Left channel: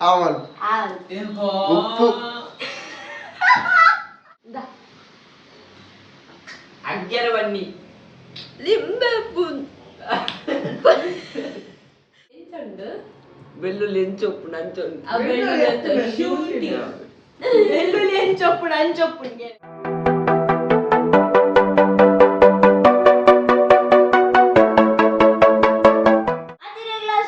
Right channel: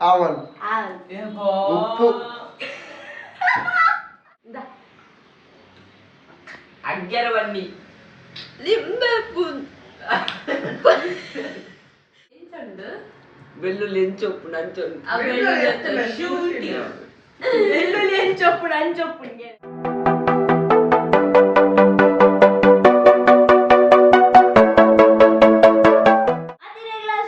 ಆವಲ್ ಉಪ್ಪು ಅಗ್ಗರ ಬನ್ನಿ ಲಿಂಬೆ ಬೆಳ್ಳುಳ್ಳಿ ಹೆಂಚೊಪ್ಪು ನಂಚೊಂದು ಬೆಳ್ಳುಳ್ಳಿ ಹೆಂಚೊಪ್ಪು ನಂಚೊಪ್ಪುಗೆ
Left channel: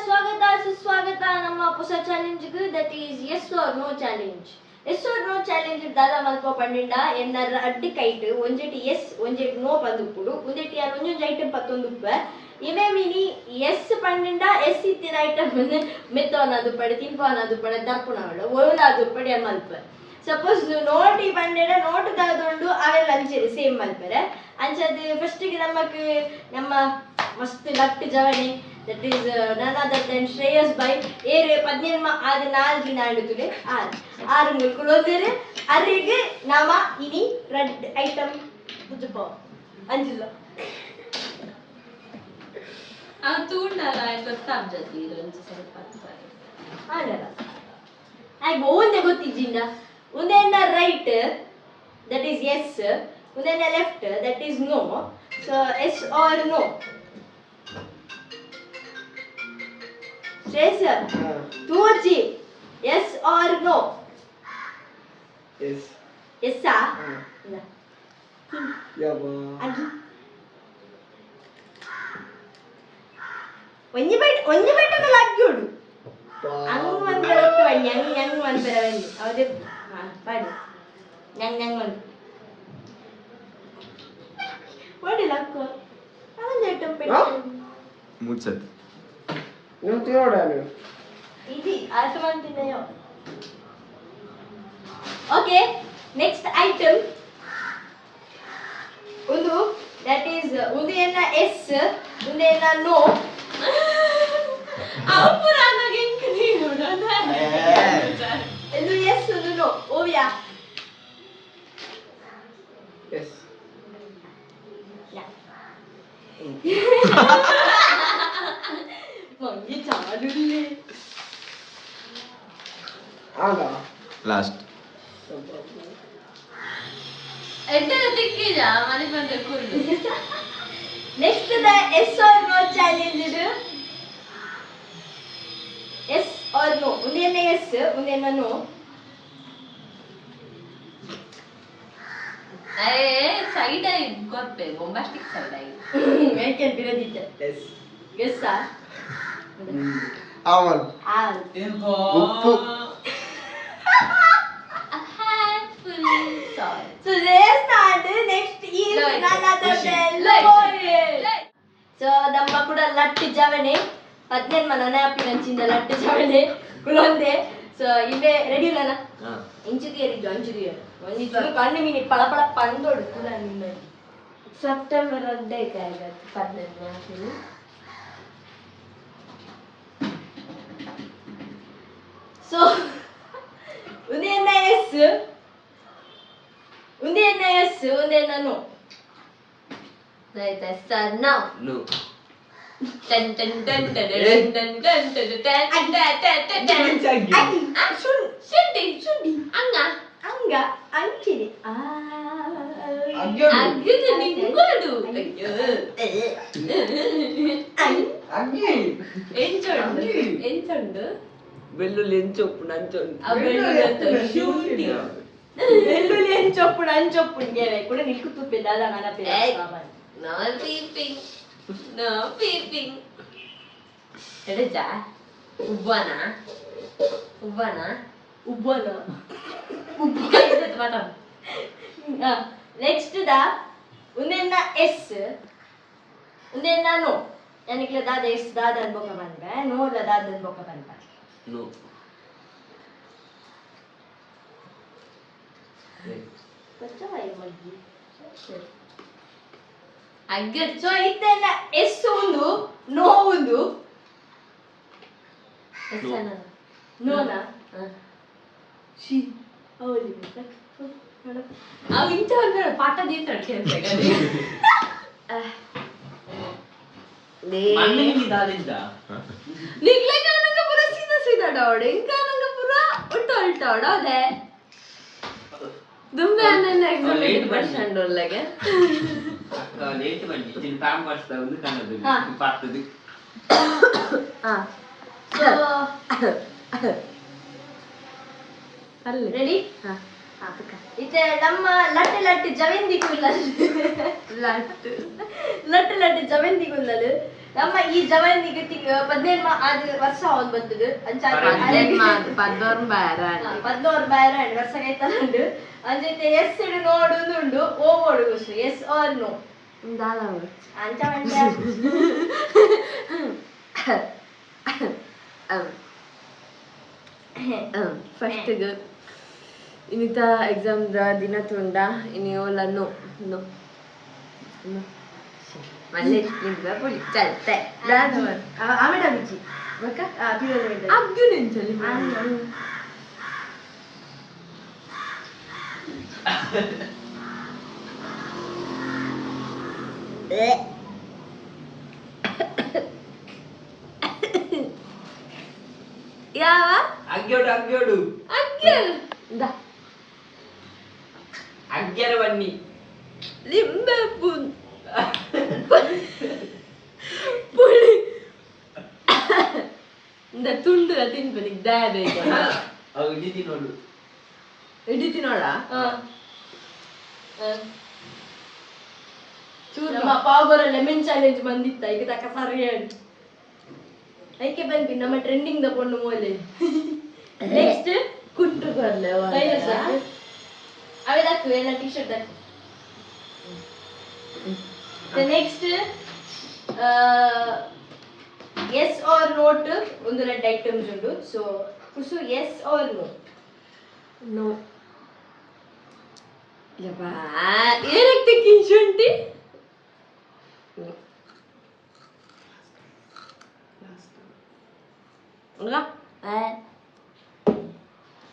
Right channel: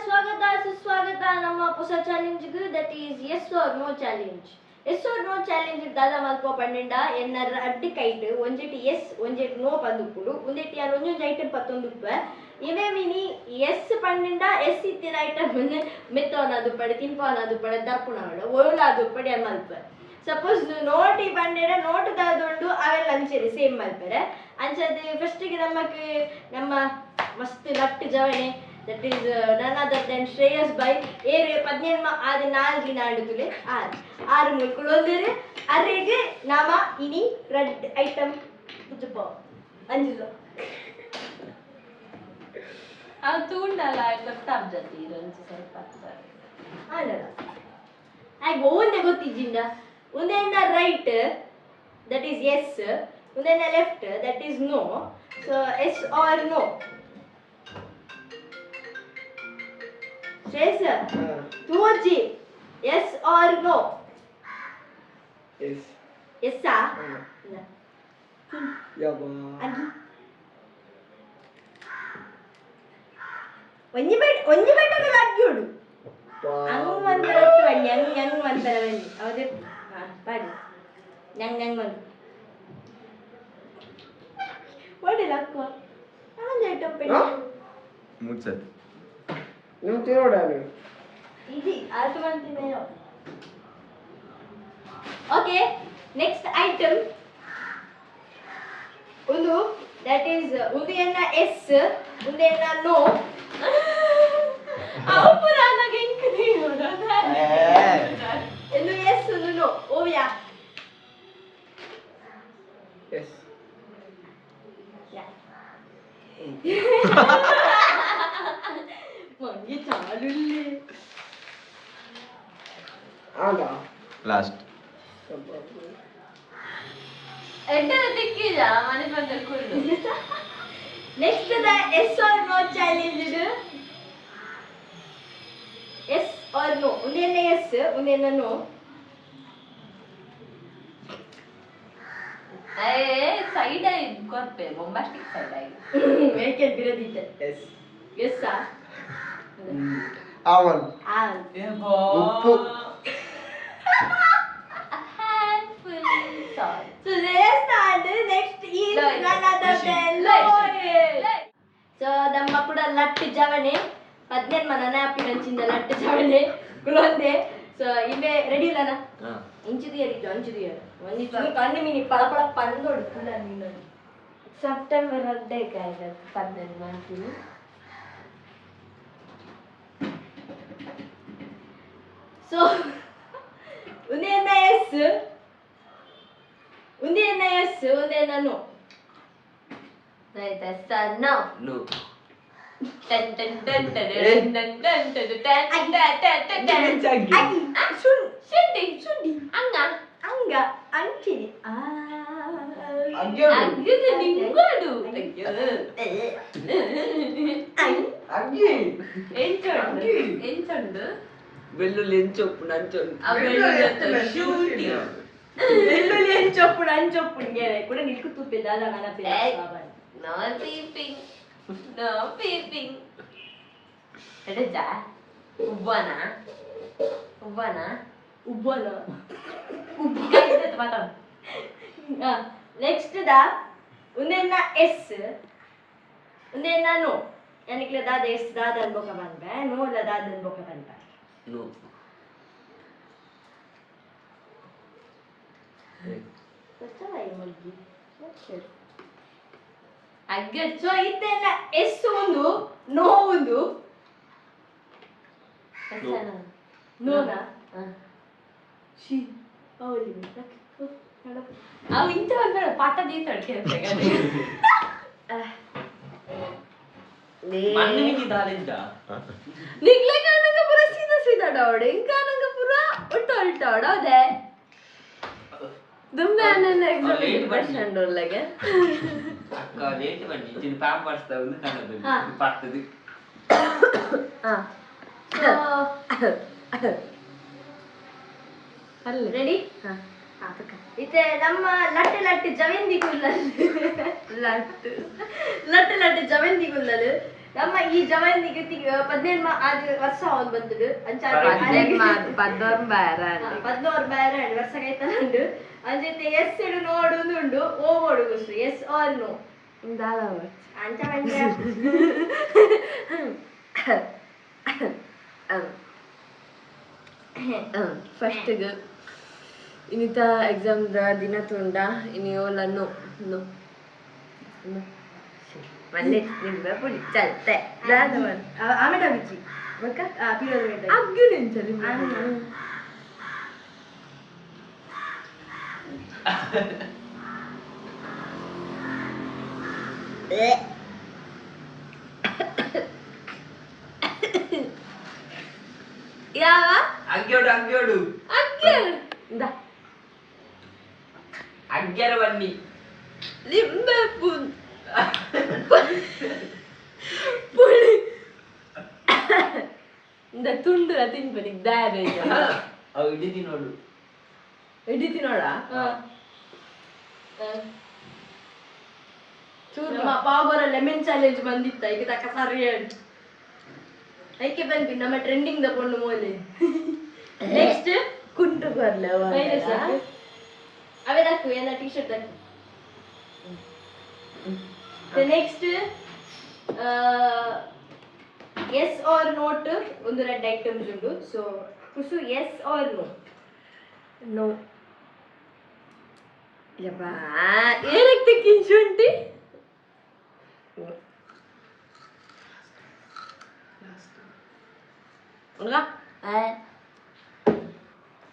ಸ್ವಾಗತ ಸುಸ್ವಾಗತ ನಮ್ಮ ಹೊಸ ಚಾಲೆಂಜ್ಗೆ that is yes or no challenge yes or no challenge ದಾದ ಮಲ್ಪ ಪನ್ನೆಂಡ ಎನ್ನರ ಅಡ್ಡಿ ಕೈಟ್ ಒಂಜೆಟಿ ಎಸ್ ಒಂಜೆಟಿ ನೋ ಪಂದುಪ್ಪುಡು ಒಂದೆಟಿ ಅಲ್ಲಿ ಒಂಜೊಂಜು ಐಟಮ್ ಪತ್ತೊಂದುಪ್ಪ ಇವೆ ಮಿನಿ ಎಸ್ ಪನ್ನೆಂಡ ಎಸ್ ಇತ್ತಿನ ಐಟಮ್ ಮೆತ್ತೋನದು ಪಡೆ ತಿಂಪೋನದು ಪಡೆ ದಪ್ಪುನಾಡು ಒಳದು ಪಡೆ ಮಲ್ಪ ಸಪೋಸ್ ನೋಟಿ ಪಂಡೆನ ನೋಟ್ ತಗೊಂಡು ಅವೆಲ್ಲ ಅಂಚೆರಿ ಸೇಮ್ ಮಲ್ಪರೆ ಅಂಚದು ಫಸ್ಟಿಗೆ ನಮ್ಮ ಮಸ್ತ್ ಲಟ್ ಜವಣೆ that is none other than Shreyas by ere 17 ಆದ 4 ದಿನ ಆಡುತ್ತಲೆ 6 ಮುಳ್ಕೊಳ್ಳೋದರೆ ಅರೆಗೆ ನಾಮ ಇನಿ ರೆಡ್ ಐಟಮ್ ಬುದ್ಧಪ ಅಂಜಿಲ್ಲ ಆ ತೂಂಡಲ ಗೊತ್ತಾಮ್ ಜತಿ ಇರಂಚ ಸ್ವಲ್ಪ ಆಡಲ್ಲ ಆಗ ಒಂದೇ ಗೊತ್ತಿದ್ದಿಂದ ಒಂದೇನ ರೈಟ್ that is yes ಒಂದೇನ left that is no so yes or no Sir, two G. Yes or no? Yes. Yes, sir. Yabba. Only bite of the lad good. Ang one better one, young one better one. Out of body. Young one. What did I call? I want that to pay. Mutset. ನೀವು ತಿನ್ನೋಡಾನು ಇದು ಅರ್ಥ ಮಾಡ್ತಿದ್ದೆಯೋ okay next item ಒಂದು that is ಒಂದು ಏನ S ಒಂದು ಏನ no ಅಪರಾಧಗೆ ಇಂಕದಿ ನೋಡೋಣ ಒಂದು ಎಸ್ ಒಂದು ನೋ ಓವ್ಯಾ ಎಸ್ ಮಂಗಿ ಚಾಡುಲ್ಲಿ ಆಗ ಲಾಸ್ಟ್ ಎಂತ ದಿಕ್ಕಿದ ಮನೆ ಬಂದ ಕುರ್ದು next the yes or no challenge ಇದು ಎಸ್ ಆರ್ ನೋ ಒಂದೇನ ಎಸ್ ಒಂದೇನ ನೋ ಸೈಡ್ ಆಗಿ ಕೊಟ್ಟೆ ಬೊಂಬಾಸ್ಟಿಕ್ ಸೈಡ್ ಆಗಿ ಏಕೆ ಬಿರೋದಿತ್ತೆ ಎಸ್ ಎಸ್ ಆ ಆವಲ್ ಉಪ್ಪು So let's start. Next is none other than Lloyd. So ನಮ್ಮ ಕೂಡ ಲಟ್ಟಿ ಜವಣೆ 15 ಮನನ ಅಪ್ಪಿನಂಚಿಂದ ಲಟ್ಟಿ ಜವಣೆ ಕುಲೊಂದೆ ಸೊ ಇವೆ ರೆಡಿ ಇಲ್ಲನ ಇಂಚಿಗೆ ಏರಿದ್ದು ಅಂಚಿಗೆ ಒಂದಿಷ್ಟು ಕಣ್ಣು ಮೀನಿ ಪಳಪಳ ಪಂದೊಡ್ತು ನಿನ್ನೆ ಸೆಪ್ಟೆಂಬರ್ ಅಡ್ಡೆ ಕಾಯ್ದು 15 ಹಾಕಿರು ಸೊ ಒಂದೇನ ಎಸ್ ಒಂದೇನ ಎಸ್ ಒಂದೇನ no Right, that's no. No. Dun dun dun dun dun dun dun dun dun dun dun dun. Sundi. Anga. ಅಂಚಿದೆ Aggudu ningodu. Enchondu. ಬೆಳ್ಳುಳ್ಳಿ ಹೆಂಚೊಪ್ಪು ನಂಚೊಂದು ಬೆಳ್ಳುಳ್ಳಿ ಹೆಂಚೊಪ್ಪು ಅಂಚೊಪ್ಪುಗೆ ಕೂಡ ನಿಲ್ಕುತ್ತುಪ್ಪಿಲ್ಲ ಅಲ್ಲ ನನ್ನ No peeping. No peeping. Edeja. Ubana. ಉಬ್ಬನ Guys, matam. ನೆಕ್ಸ್ಟ್ ದ ಒಂದೇನ yes ಒಂದೇನ no ಯಾನಿಕ್ಲೆ ದಾದ ಎಸ್ ದಾದ ಅನ್ಬೋಕ ಬಂದ್ರೆ ನೋ ಇಲ್ಲ ದಾದ ಅನ್ಬೋಕ ಬಂತ ನೋ ಪಚ್ಚವಾಯಿ ಮಗ್ಗಿ Aggudu. ಸೊ ಇತ್ತೆಲ್ಲ ಎಸ್ ಒಂದು ನೋ ಒಂದು ನೋನಾ ಶಿ ಅವಳಿ ಅವು ಇಂಥ ಒಂದು ಪಾಠ ದೀತಾಡ್ಕೆ ಅಂತ निकले कानंगा पूरा सीधा सीधा डाउडे कानंगा पूरा उल्टा उल्टा डाउडे तुम मैंने एग्जाम में डिप्रेशन डर लगे हाँ रेडी हाँ इते ನಮ್ಮ ಲಟ್ಟೆ ಲಟ್ಟೆ ಜವೆಂದಿ ಕುಲ್ಲಲ್ ಲಟ್ಟೆ ಲಟ್ಟೆ ಜವೆಂದಿ ಕುಲ್ಲಲ್ ನಮ್ಮ ಈ ಜವೆಂದಿಗೆ 17 ಆದ ವರ್ಷ ಅವನ್ ಬಂತದು ಅಂಚಾರೆ 14 ಬೈರ ವರ್ಷ ಕೈತಂಡು ಅಂಜತೆ ಎಸ್ ಇಡು ನೋಡುಂಡು ಓಗೋಡು ಗುಸು ಎಸ್ ಆರ್ ನೋ ದಾಲವ ಅಂಚ ಮಂಡ್ಯ ಫಸ್ಟ್ ಇನ್ನಿತ ಎಕ್ಸಾಮ್ ದಿನ ತುಂಡ ಇನ್ನು ಓಲ ನೋ ನೋ ನೋ ಮಲ್ಲೆ ನಿಂದ ಪುಳಿ ಚಲ್ತೆ ದಾದವನ್ ಆಮೇಡ ಬಿಚ್ಚಿ ಬಕ ಪಿರೋ ಮೆಡ ಅಗ್ಗು ನೆಂಚಲಿ ಯಾವ ಅಗ್ಗ್ಯೋಡು ಅಗ್ಗ್ಯೋಡು ಇಂದ ಅಗ್ಗ್ಯರವನ್ನಿ ಲಿಂಬೆ ಪುಳಿ ಇಂದ ತುಂಡು ತಿನ್ಪನಿಗೆ ದಾದ ಇದಲ್ಲ ಅವು ಇಡಿ ನೋಡು ಹಿಡಿತಿ ನೋಡ ನಮ್ಮ ಪಾವಗರ ಲೆಮನ್ ಚಾಲೆಂಜ್ ಬಂದಿತ್ತ ಈಗ ತಕ್ಕ ಸರಿ ಹೇಳಿ ಐಕೆ ಬಂದ್ವಿ ನಮ್ಮ ಟ್ರೆಂಡಿಂಗ್ ದ ಪೊಣ್ಣು ಮೂಲೆ ನೆಕ್ಸ್ಟ್ ಕುಂಟು ಬರ್ಲೆ ಅವೇ ಹಾಕು ಎಲ್ಲ ಟಿ ಶರ್ಟ್ ಹಾಕು ನೆಕ್ಸ್ಟ್ ಎಸ್ ಆರ್ ನೋಟ್ ಒಂದು ರೆಡ್ ಐಟಮ್ಸ್ ಉಂಟು ಸೊ ಕುಸು ಎಸ್ ಆರ್ ನೋ ನೋ ಯಪ್ಪಾ ಏನಕ್ಕೆ ಕಿಂಚುಂಟಿ enggak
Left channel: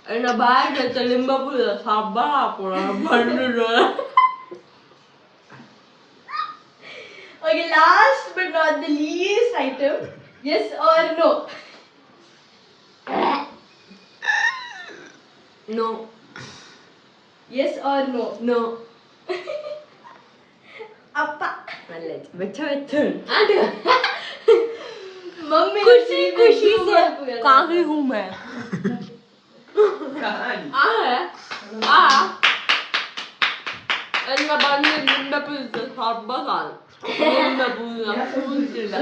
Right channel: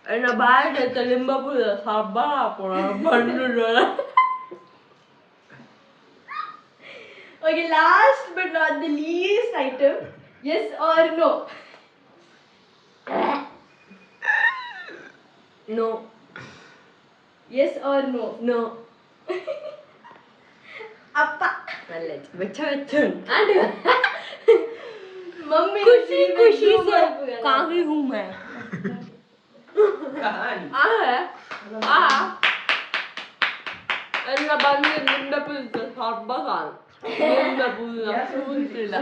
enak banget telimba pula sabar pula bandu dola okay last but not the least item yes or no no yes or no no apa mallet baca aduh mummy खुशी खुशी से कहाँ हूँ मैं ಎಲ್ಲ ಬಂದು ನಿಂಬೆ ಪುಲ್ಸ ಹಬ್ಬಗಾಲ ನಿಂಬೆ ಪುಲ್ಲ ಪೂಂತಿಲ್ಲ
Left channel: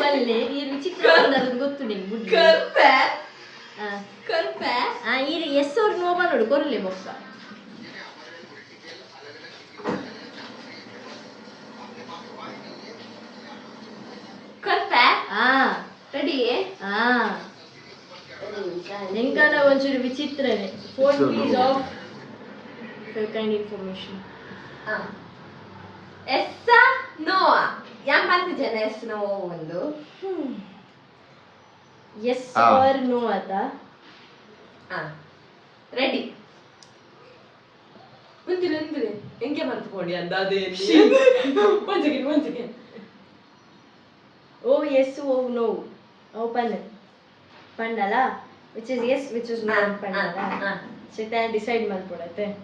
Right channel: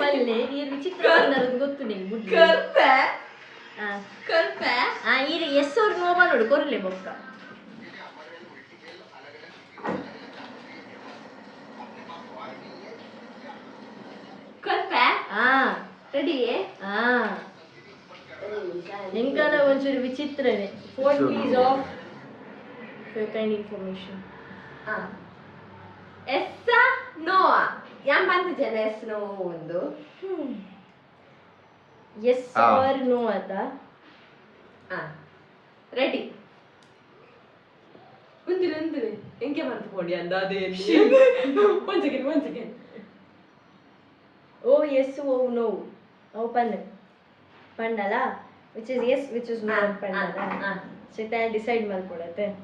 ಮಲ್ಲೆ ಈ ವಿಚಿತ್ರ ಅನ್ನೋದು ಗೊತ್ತು ನಿಂಗೆ ಬುಡ್ಡಿ ಕರ್ಪೆ ಕರ್ಪೆ ಈ ಎಸ್ ಅವ್ರ ನೋವ ನೋಡು ಕೊರ್ಲೆ ಬೊಕ್ಕ ರೆಡಿ ಎಂಕನ ಒಂಚೂರು ವಿಚಿತ್ರನೇ phone please of kind information yes ನೋವಾ ಯಾನ್ ಬಂತು ಜನ ಎಸ್ ನೋ ಒಂದು ಎಸ್ ಆರ್ ನೋ ಆತ ರೆಡಿ ಮುಂದಿನ ಎಂಕೆ ಬಂತು ಕೊಡಿ ಅಂದ ಅದೇ ಒಂದ್ second Oh yes, oh no. Oh panna. Pandala, which is yes, which is no pandala. So then decide malpodate.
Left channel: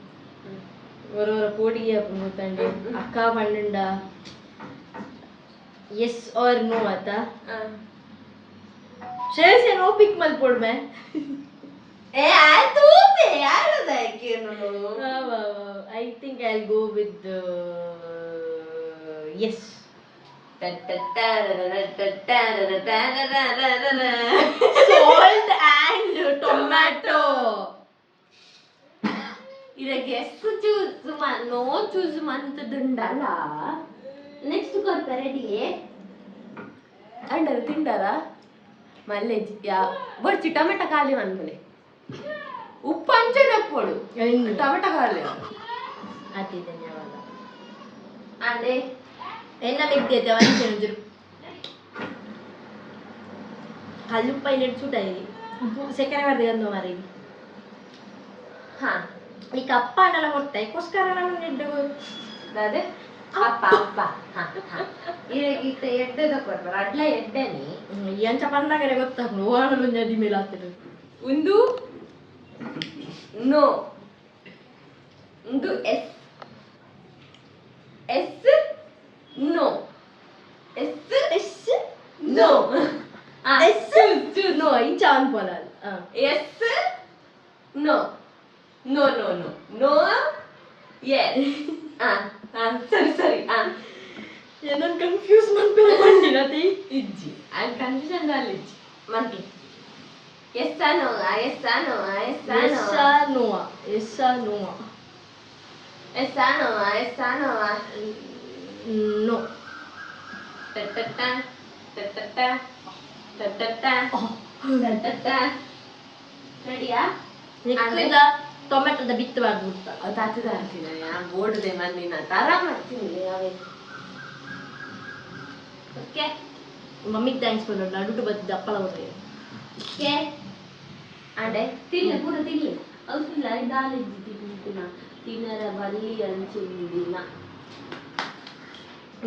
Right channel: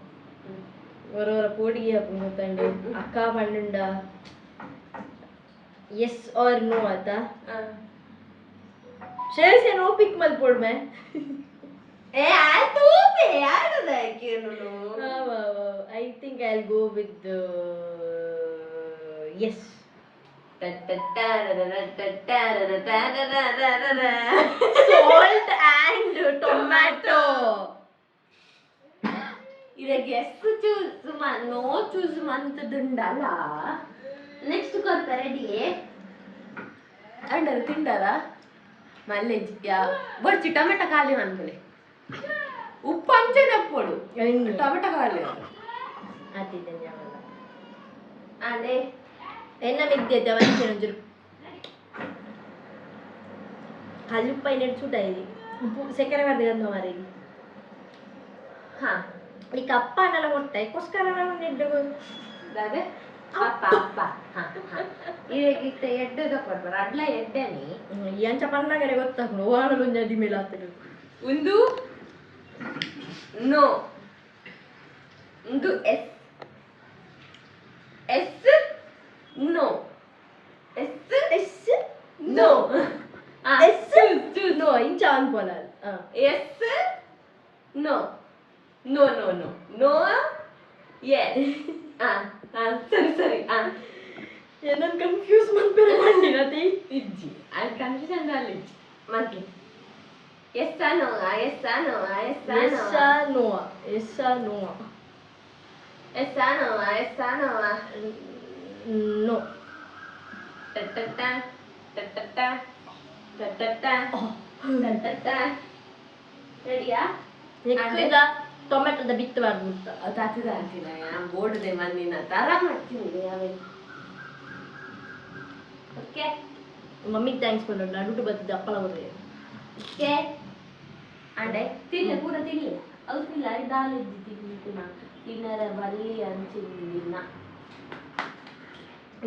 Vara podi apungutande. Akka pandanda. Yes or no ata. Share se no pick malpod mein. I do me. I don't like you no. I think I'll go with the yes. Salt and tomato. ಇದಕ್ಕೆ ಎಷ್ಟು no choose ಮಂತದುಂಡಲ್ಲ next ಕೊಡ್ತಾ ready under ತಿಂಡಾರ ಮಲ್ಲೇಜ್ ಯಾ ಬರ್ಚಿ tomato ಖಾಲಿ ಅನ್ಕೊಳ್ಳಿ ಉಪ್ಪು ಅಂಚೆನಪ್ಪೋಡು tomato ಖಾಲಿ ಅತಿ ಧನ್ಯವಾದ ಅದೇ ಎನ್ನ ಮಿಗ್ದೈತೆ ಒಂಚೂರು ಕಲ್ಲುಪ್ಪ ಇನ್ನೆಟ್ಟು ಚೂಟಾಯಿರಿ ಉಪ್ಪು ಸಕ್ಕರೆ ಬರ್ದು ಮಾರಿ ಹಾ ಈ ಕಪ್ಪ ಅನ್ನೆಲ್ಲ ಕೊಡ್ತಾ ಇದಕ್ಕೋಸ್ಕರ ನಾನು ನೆಡ್ಡು ಅದೇ ಅಪ್ಪ ಅಪ್ಪ ಈಗ ಎಡ್ಡೆದ ಕೊಡ್ಬಾರ ಅಡ್ಲ ಎಡ್ಡೆನಿ ಎಂಚ ಪಂದಾಗನೆ ಗೊತ್ತಾಗ್ನು ಓಣಲು ಒಂಜಿ ಮೇಲೆ ಆಗ್ತದೆ ಒಂದು ನೋ ಒಂದು yes yes no yes yes no yes no ಇಂಚ ಅನ್ಪೋಲ yes no no no no no yes ಸರಿ ಸರಿ ಏನನ್ ಕನ್ಫ್ಯೂಸ್ ಮಾಡ್ಬೇಡ ಮಂಡಿನತಿ ಇಜ್ಜಿ ಅದು ಕನ್ಫ್ಯೂಷನ್ ಅಲ್ಲಿ ಇಜ್ಜಿ ಮತ್ತೆ yes no yes no yes no yes no yes no yes no no ಟಟಟ ಟಟಟ ಟಟಟ ಟಟಟ ರೆಡಿಯಾ ನೆಕ್ಕಿದ ಟೊಮೆಟೊದ ಬಿತ್ತಬಾರ್ದು ಅಂತ ಅದು ಹತ್ತಿದ ಬೋರ್ಡ್ದೆ ಮಣ್ಣಿನ ತರ ಮಾಡ್ತೀನಿ ಯಾವಾಗ ಓಕೆ ಮಮ್ಮಿಗೆ ಥ್ಯಾಂಕ್ಸ್ ಮಾಡೋಣ ನಡುಟು ಬತ್ತಿದ್ದ ಅಪ್ಪಳ ಬರೋದು ಓಕೆ ಅಡೆ ತಿನ್ನಿ ಪೂರ ತಿನ್ನಿ ಅವಸಿಲ್ಲ ದಾಲಿದ್ದು ತಿನ್ನಿನ ತಿನ್ನರ ಬಲ್ಲಿ ಅಂಚಿನ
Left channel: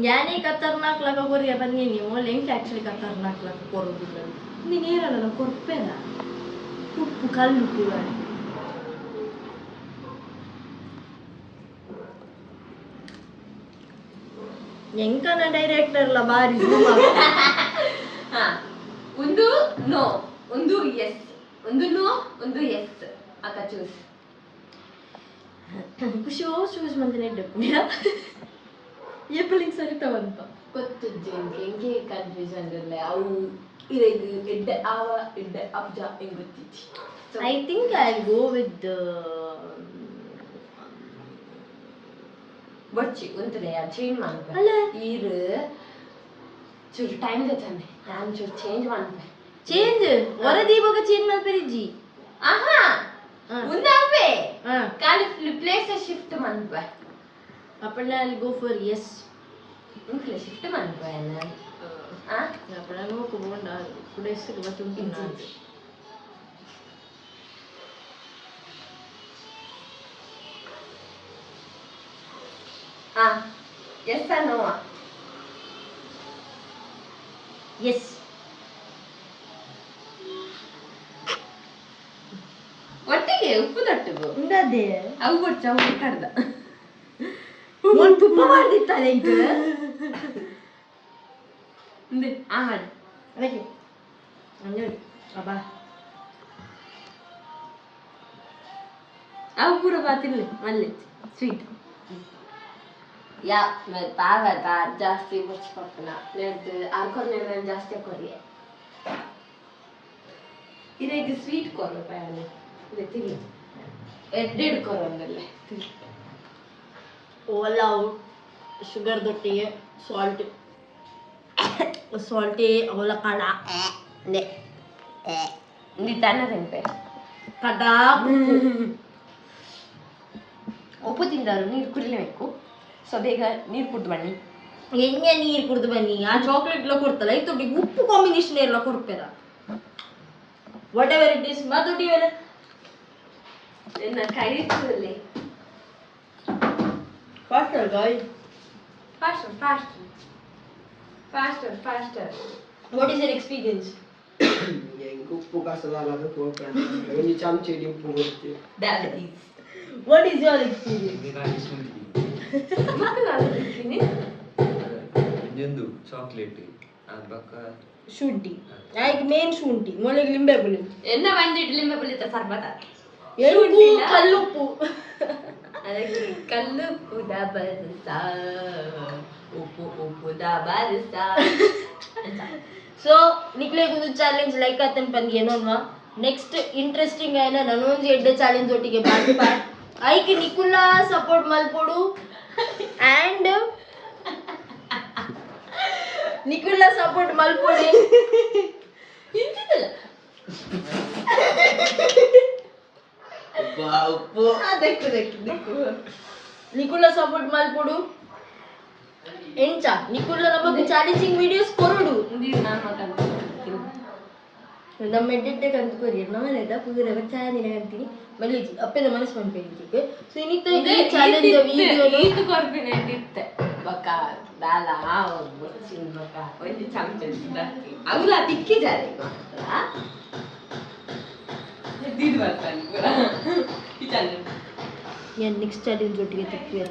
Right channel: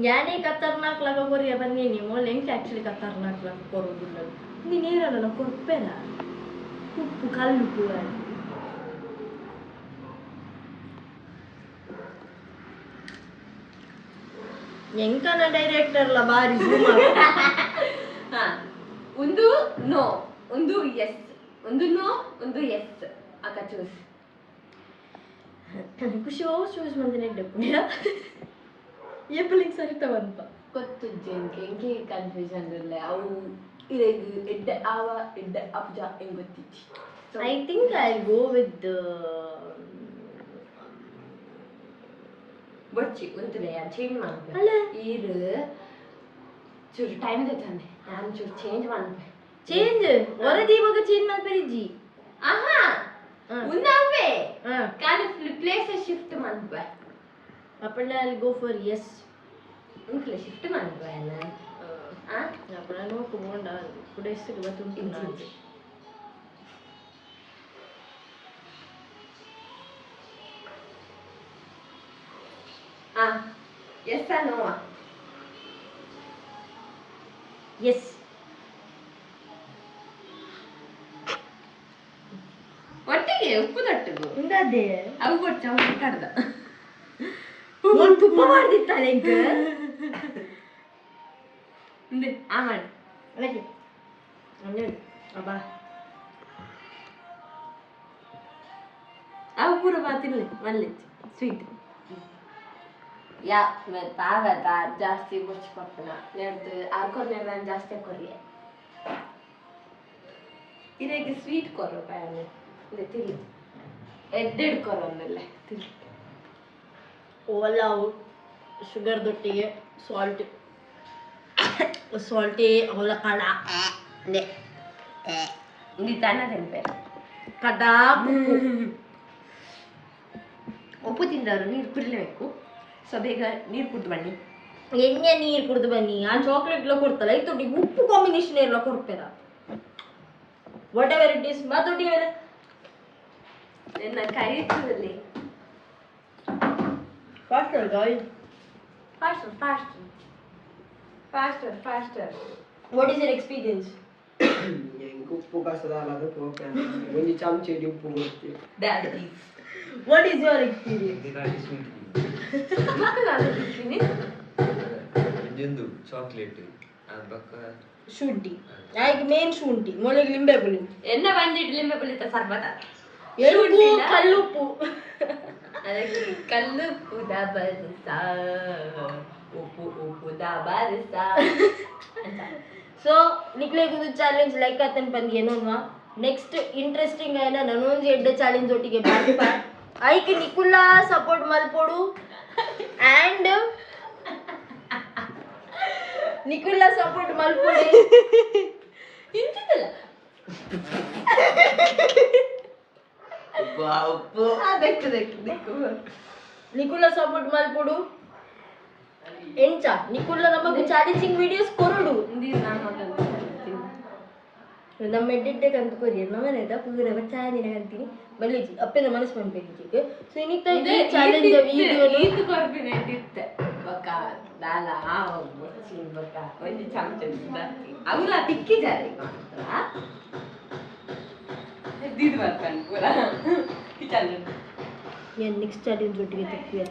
ಯಾನೇ ಖತರ್ನಾಕ್ ಲಗ ಕೊರಿಯ ಬಂದೀನಿ ಮೊನ್ನೆ ಹೆಂಗೆ ಆ್ಯಕ್ಚುಲಿ ಖತರ್ನಾಕ್ ಲಗ ಕೊರೋದಿಲ್ಲ ನೀನು ಏರಲ್ಲ ಕೊರ್ಪೆಲ್ಲ ಉಪ್ಪು ಕಲ್ಲುಪ್ಪು ಎಂಕನ ಡೈರೆಕ್ಟರ್ಲ ಬಾರಿ ಹಾ ಒಂದು ನೋ ಒಂದು ಎಸ್ ಒಂದು ನೋ ಒಂದು ಎಸ್ ಅಕ್ಕ ಚೂಸ್ ಖುಷಿ ಚೂಸ್ ಮಂದಿನ ಇಡ್ಡಪ್ಪುಣ್ಯ ಏಪಲಿಗೆ ಸರಿತಾವಂತ ಗೊತ್ತು ಹೆಂಗೆ ಕನ್ಫ್ಯೂಷನ್ ಇರಲ್ಲ ಅವು ಇರೇಗ ಎಡ್ಡ ಆವ ಎಡ್ಡ ಅಬ್ಜ ಹೆಂಗ್ ಗೊತ್ತಿಚ್ಚಿ I think I go with ಬಡ್ಚಿ ಒಂತಲೆ ಚೇಂಜ್ ಮಾಡ್ಬೇ ಅಲ್ಲ ಈರು ಚೂರು ಟೈಮ್ ತಾನೆ ನಾನು ಚೂರು ಚೇಂಜ್ ಮಾಡ್ಬೇ ಚೇಂಜ್ ವರದಿ ಇವಾಗ ಚೇಂಜ್ ಮಾಡ್ಬೇರಿಜ್ಜಿ ಆಹಾ ಉಂದಾವೆ ಹಾ ಕಾಲಿ ಪ್ಲೇಸ್ ಶಿಫ್ಟ್ ಮಾಡ್ಬೇ ಅಪ್ಪಣ್ಣ ಅಲ್ಲಿ ಗೋ ಫಾರ್ ಎಸ್ ಇಂಕ್ಲೆ ಶಿಫ್ಟ್ ಮಾಡ್ಬೇ ಅಪ್ಪಣ್ಣ ನೋಕು ಬೋಂಡ ಕುಡೆಸ್ಸಿಗೆ ಬತ್ತುಂಟು ನಾನು ಎಸ್ ನೋ ಎಸ್ ಒಟ್ಟಿಗೆ ಉಪ್ಪು ತೊಟ್ಟಿಗು ಉಂಡದೆ ಅವು ಕೊಚ್ಚ ಅವು ಕಡ್ದ ಒಂದು ತುಪ್ಪ ಮಾಡ್ದಿತ್ತಲ್ಲ ಇಂಕ ಮಾಡಿ ಅದಕ್ಕೆ ಅಂಜು ಅಬ್ಬಾ ಅವು ಪೂರ ಬಾತಿರ್ಲಿ ಮಲ್ಲೆ ಸ್ವೀಟ್ ಯಾ ಪಾವದ ಜಾಸ್ತಿ ಬುರ್ಚಿ ಪಪ್ಪನ ನೆಡ್ದು ಆರ್ಕೊರ್ನೆಲ್ಲ ಜಾಸ್ತಿ ಕೊರಿಯೆ ಇದಕ್ಕೆ ಸ್ವೀಟ್ ಕೊರೋ ಪಾಯಲೆ ಇದೆ ತಿರ್ಲಿ ಎಡ್ಡೆಡ್ ಕೊರೊಂದಲ್ಲೇ ತಿರ್ಲಿ ಓಲ್ಲ ಶುಗರ್ ದೊಟ್ಟಿಗೆ ಸಾಲ್ಟಿ ಅವಲ ಕಡ ನೀ ತನ್ನ ತಿಂತೆ ಕಡ ಉಪ್ಪು ತಿಂದವರು ನೀರು ಕುಡಿಲೇಬೇಕು ಸೊ ಬೇಗ ನೀರು ಕುಡ್ದು ಬನ್ನಿ ಎಣ್ಣೆ ನೀರು ಕುಡ್ದು ಬನ್ನಿ ಆ ಚಾಕ್ಲೇಟ್ಲ ಕೊಡ್ತಲ್ಲ ಈ ತೊಟ್ಟಿಗೆ ಉಪ್ಪು ಕಾಂಬಿನೇಷನ್ ಎಲ್ಲ ಕೊಡ್ಪೇರ ವಾಟ್ ಎವರ್ ಇಟ್ ಈಸ್ ಮಾತೊಟ್ಟಿ ಮೇಲೆ ನನ್ನ ಕೈ ಇರ್ತದಲ್ಲಿ faster guy faster faster faster faster what is your experience ಉಪ್ಪು ಕಸದಾಲದ ಒಂದು ಚಮಚಡಿ ಉಪ್ಪು ಕೊಡ್ತೀವಿ that is what is your experience ಮಕ್ಕಳು ಅಲ್ಲಿರ್ತೀನಿ ಇದೊಂದು ಚಾಕ್ಲೇಟ್ ಬಕ್ಕ ಶುಂಠಿ ಆಯ್ಕೆ ಮೇನ್ ಶುಂಠಿ ಮೊಳಗೆ ಲಿಂಬೆ ಪುಳಿ ಎನ್ನ ಬಂದಿಟ್ಟು ಲಿಂಬೆ ಪುಳಿತ ಸರ್ಬತ ಎಳ್ಳು ಕಲ್ಲುಪ್ಪು ಅದಕ್ಕೆ ಕಲ್ಲು ಉದ ಬರಸ ಉಪ್ಪು ಉಪ್ಪುದ ಬರಸ ಸೊ ನಿಕ್ಲೆಗೊಂದು ಚಾಲೆಂಜ್ ಲೈಕ್ ಆತನ್ ಬಂದ್ ಏನೋನ್ವಾ ನೆಕ್ಸ್ಟ್ ಇಂಟ್ರೆಸ್ಟಿಂಗ್ ಆಯ್ನ ನನೊಂದು ಎಡ್ಡೆ ಚಾಲೆಂಜ್ ಒಟ್ಟಿಗೆ ಬಾರ್ಪ ಐಕೆ ನಿಕುಲ್ಲ ಸಪೋರ್ಟ್ ಮಲ್ಪೊಡು ಆ್ಯಂಡ್ ನಿಕುಲ್ಲ ಸಪೋರ್ಟ್ ಮಲ್ಪೊಡಿ ಇಂತಿದ್ದಲ್ಲ ಉಪ್ಪು ಅದಕ್ಕೆ ದಿಕ್ಕು ನಿಕುಲ್ಲ ಸಪೋರ್ಟ್ ಮಲ್ಪೊಡು ಎಂಚ ನಿಕುಲ್ಲ ನಮಗೆ ಚಾಲೆಂಜಿಂಗ್ ವಿಡಿಯೋಸ್ ಕೊರಡು ನೀರು ನಾನು ಮಾತಾಡ್ತೀನಿ ನಮ್ಮ ಎಡ್ಡೆ ಕಂತು ಕೊರಿಯರ್ ನಮ್ಮ ನೆಡ ಪೂರ ಚಾನಿನ ಕಂತೀನಿ ಮಲ್ಲಿಜಿ ಅಪ್ಪನ ಮನಸ್ಸು ಮಾಡ್ಬೇಕು ಸೊ ಇನ್ನಿತ್ತ ಈ ಚಾಲೆಂಜ್ ವಿಡಿಯೋ ಇದು ಕೊರ್ಬಿನ ಇತ್ತೆ बका दादा बच्चिन बका पहिले चमचन सुधारते अगला टिक्की जाते का दीद वाटतं पुरा किचन या नेक्स्ट चॅलेंज ಒಟ್ಟಿಗೆ ತಿಕ್ಕಿಯ